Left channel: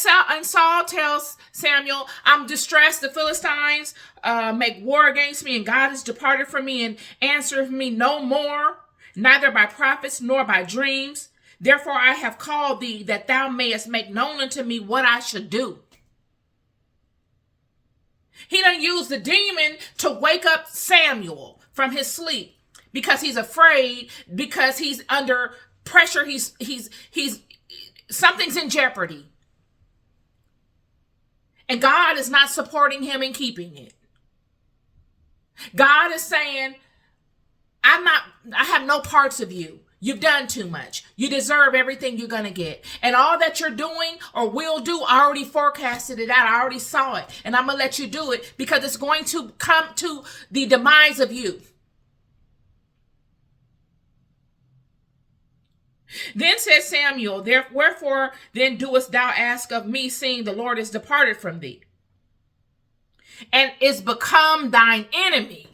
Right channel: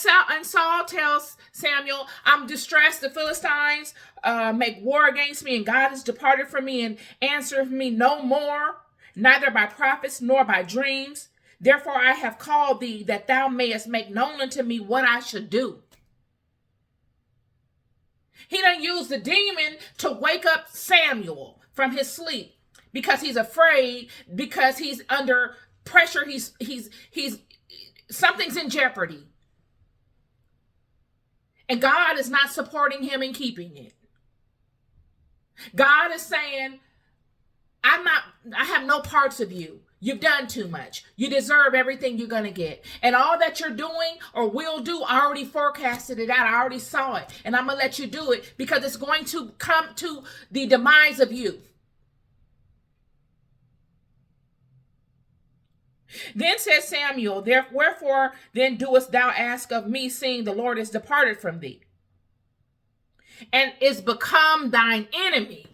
Saul tells Samuel, I'm distressed. The Philistines make war against me, and God has departed from me and answered me no more, neither by prophets nor by dreams. Therefore I have called thee, that thou mayest make known unto me what I should do. He done used the demon to wake up Samuel from his sleep because he's afraid, because he's under pressure. He's something's in jeopardy. And God is not supporting him and keeping it. God is saying, I have no parts of you. You've done too much. You deserve everything you're going to get. And all that you're doing or will do, I already forecasted it out. I already saw it. And I'm going to let you do it because it's going to come to the demise of you. Then said Samuel, wherefore then doest thou ask of me, seeing the Lord is departed from thee, and is become thine enemy?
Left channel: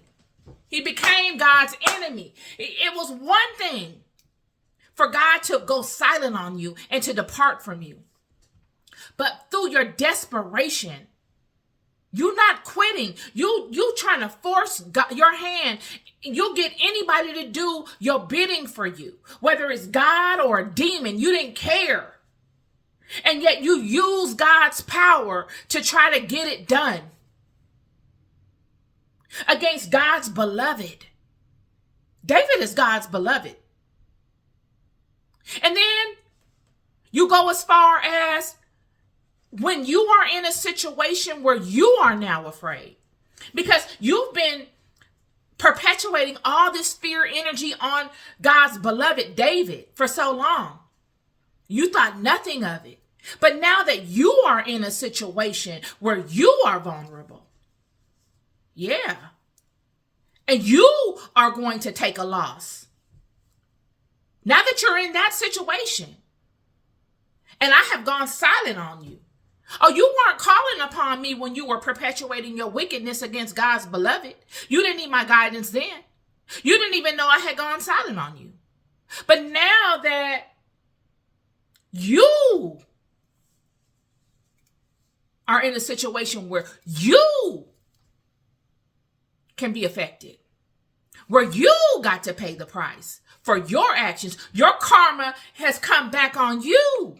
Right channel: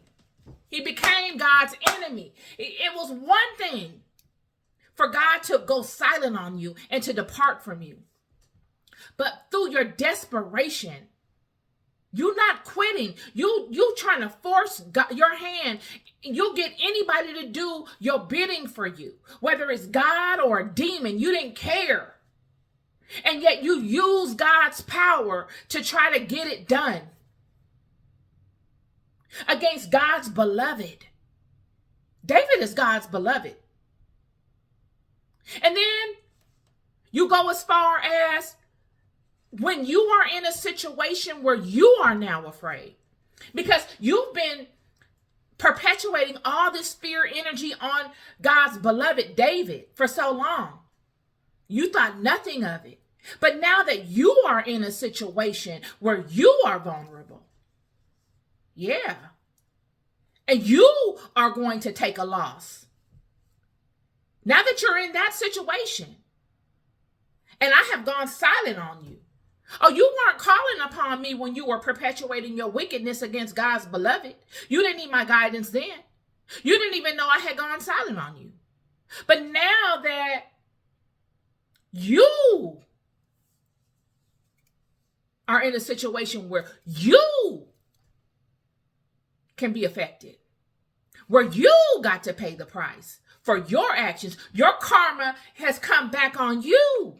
He became God's enemy. It was one thing for God to go silent on you and to depart from you. But through your desperation, you're not quitting. You trying to force God, your hand. You'll get anybody to do your bidding for you, whether it's God or a demon. You didn't care. And yet you use God's power to try to get it done against God's beloved. David is God's beloved. And then you go as far as when you are in a situation where you are now afraid because you've been perpetuating all this fear energy on God's beloved David for so long. You thought nothing of it. But now that you are in a situation where you are vulnerable, yeah, and you are going to take a loss. Now that you're in that situation, and I have gone silent on you. Oh, you weren't calling upon me when you were perpetuating your wickedness against God's beloved. You didn't need my guidance then. You didn't even know I had gone silent on you. But now that you are in a situation where you can be affected, where you got to pay the price for your actions, your karma has come back on you.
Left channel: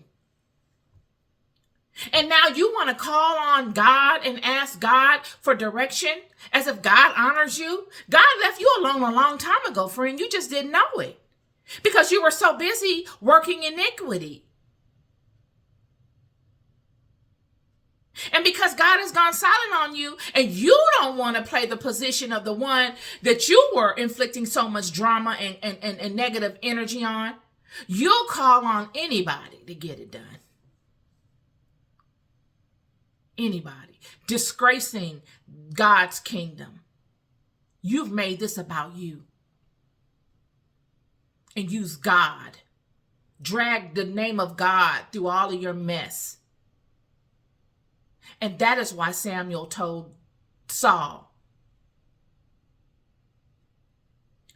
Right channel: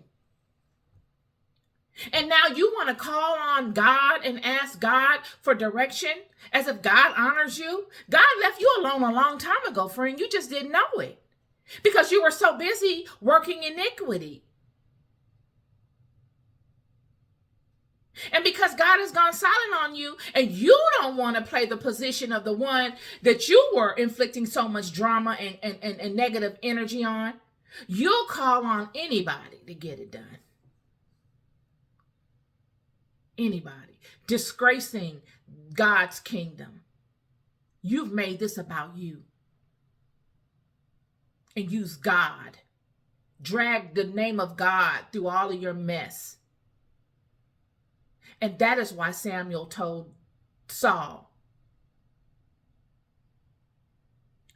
And now you want to call on God and ask God for direction as if God honors you. God left you alone a long time ago, friend. You just didn't know it because you were so busy working iniquity. And because God has gone silent on you and you don't want to play the position of the one that you were inflicting so much drama and negative energy on, you'll call on anybody to get it done. Anybody disgracing God's kingdom. You've made this about you. And use God. Drag the name of God through all of your mess. And that is why Samuel told Saul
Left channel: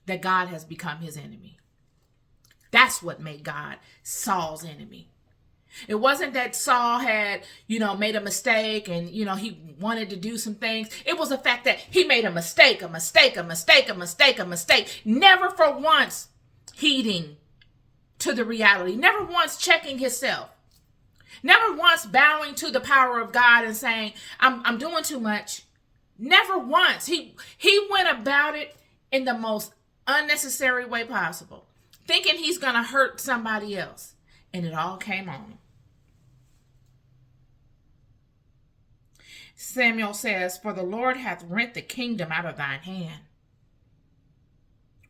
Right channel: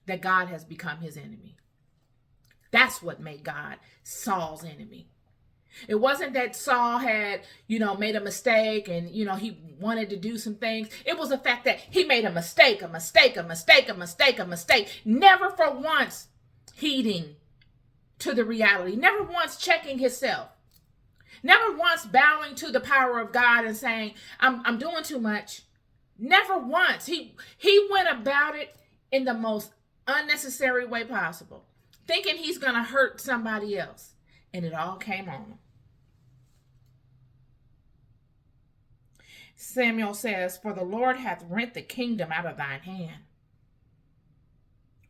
that God has become his enemy. That's what made God Saul's enemy. It wasn't that Saul had, made a mistake and, he wanted to do some things. It was the fact that he made a mistake. Never for once heeding to the reality. Never once checking himself. Never once bowing to the power of God and saying, I'm doing too much. Never once. He went about it in the most unnecessary way possible, thinking he's going to hurt somebody else. And it all came on him. Samuel says, for the Lord hath rent the kingdom out of thine hand.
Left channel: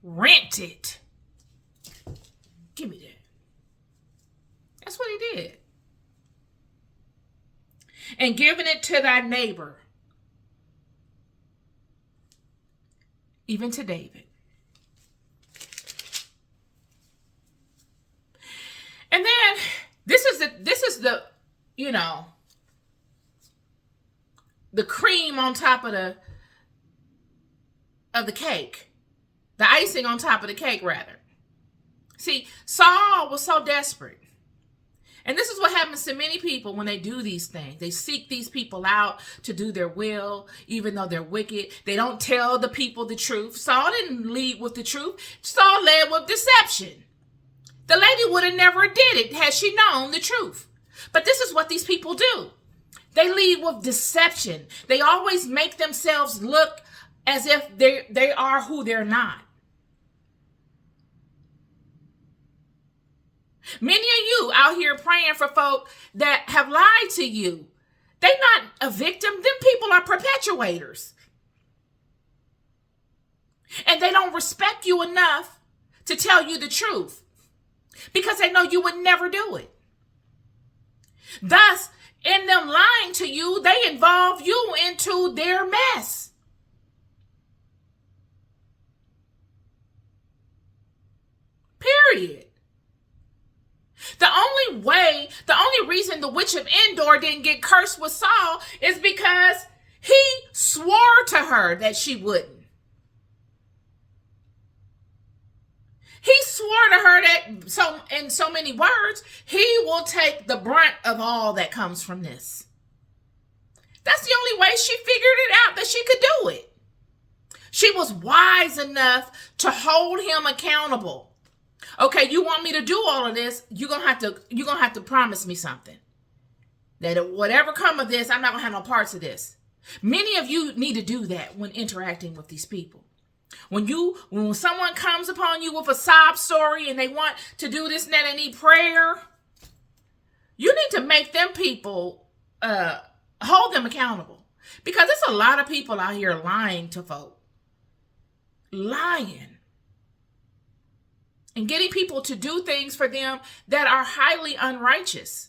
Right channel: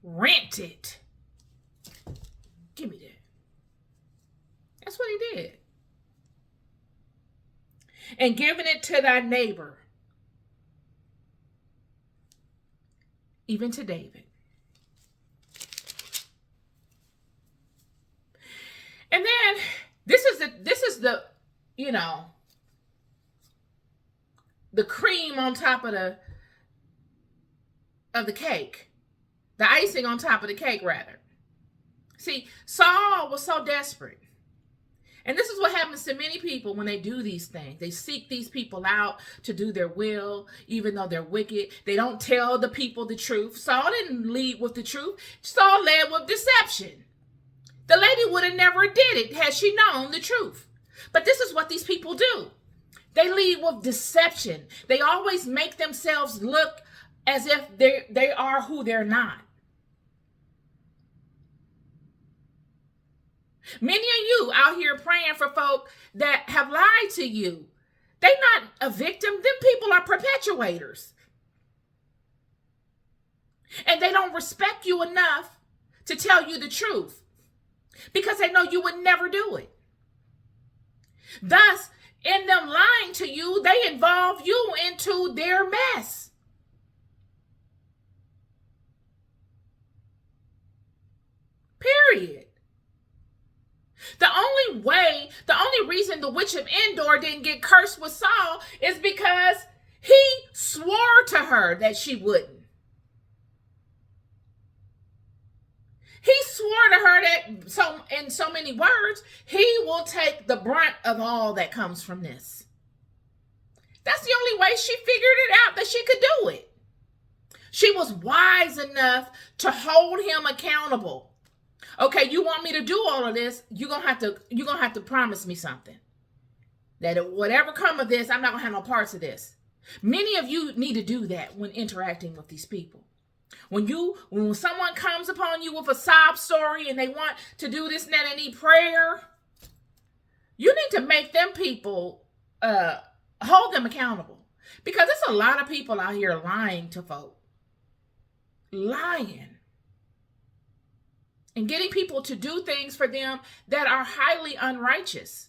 Rent it. Give me that. That's what he did. And given it to thy neighbor, even to David. And then this is the the cream on top of the cake. The icing on top of the cake, rather. See, Saul was so desperate And this is what happens to many people when they do these things. They seek these people out to do their will, even though they're wicked. They don't tell the people the truth. Saul didn't lead with the truth. Saul led with deception. The lady would have never did it had she known the truth. But this is what these people do. They lead with deception. They always make themselves look as if they are who they're not. Many of you out here praying for folk that have lied to you. They're not a victim. Them people are perpetuators. And they don't respect you enough to tell you the truth because they know you would never do it. Thus, in them lying to you, they involve you into their mess. Period. The only reason the witch of Endor didn't get cursed with Saul is because he swore to her that she wouldn't. He swore to her that, in so many words, he will take the brunt of all that comes from this. That's the only way she figured it out that she could do it. She was wise enough to hold him accountable. Okay, you want me to do all of this? You're gonna have to promise me something. That whatever come of this, I'm not gonna have no parts of this. Many of you need to do that when interacting with these people. When someone comes upon you with a sob story and they want to do this and that, they need prayer, you need to make them people hold them accountable. Because there's a lot of people out here lying to folk. Lying. And getting people to do things for them that are highly unrighteous.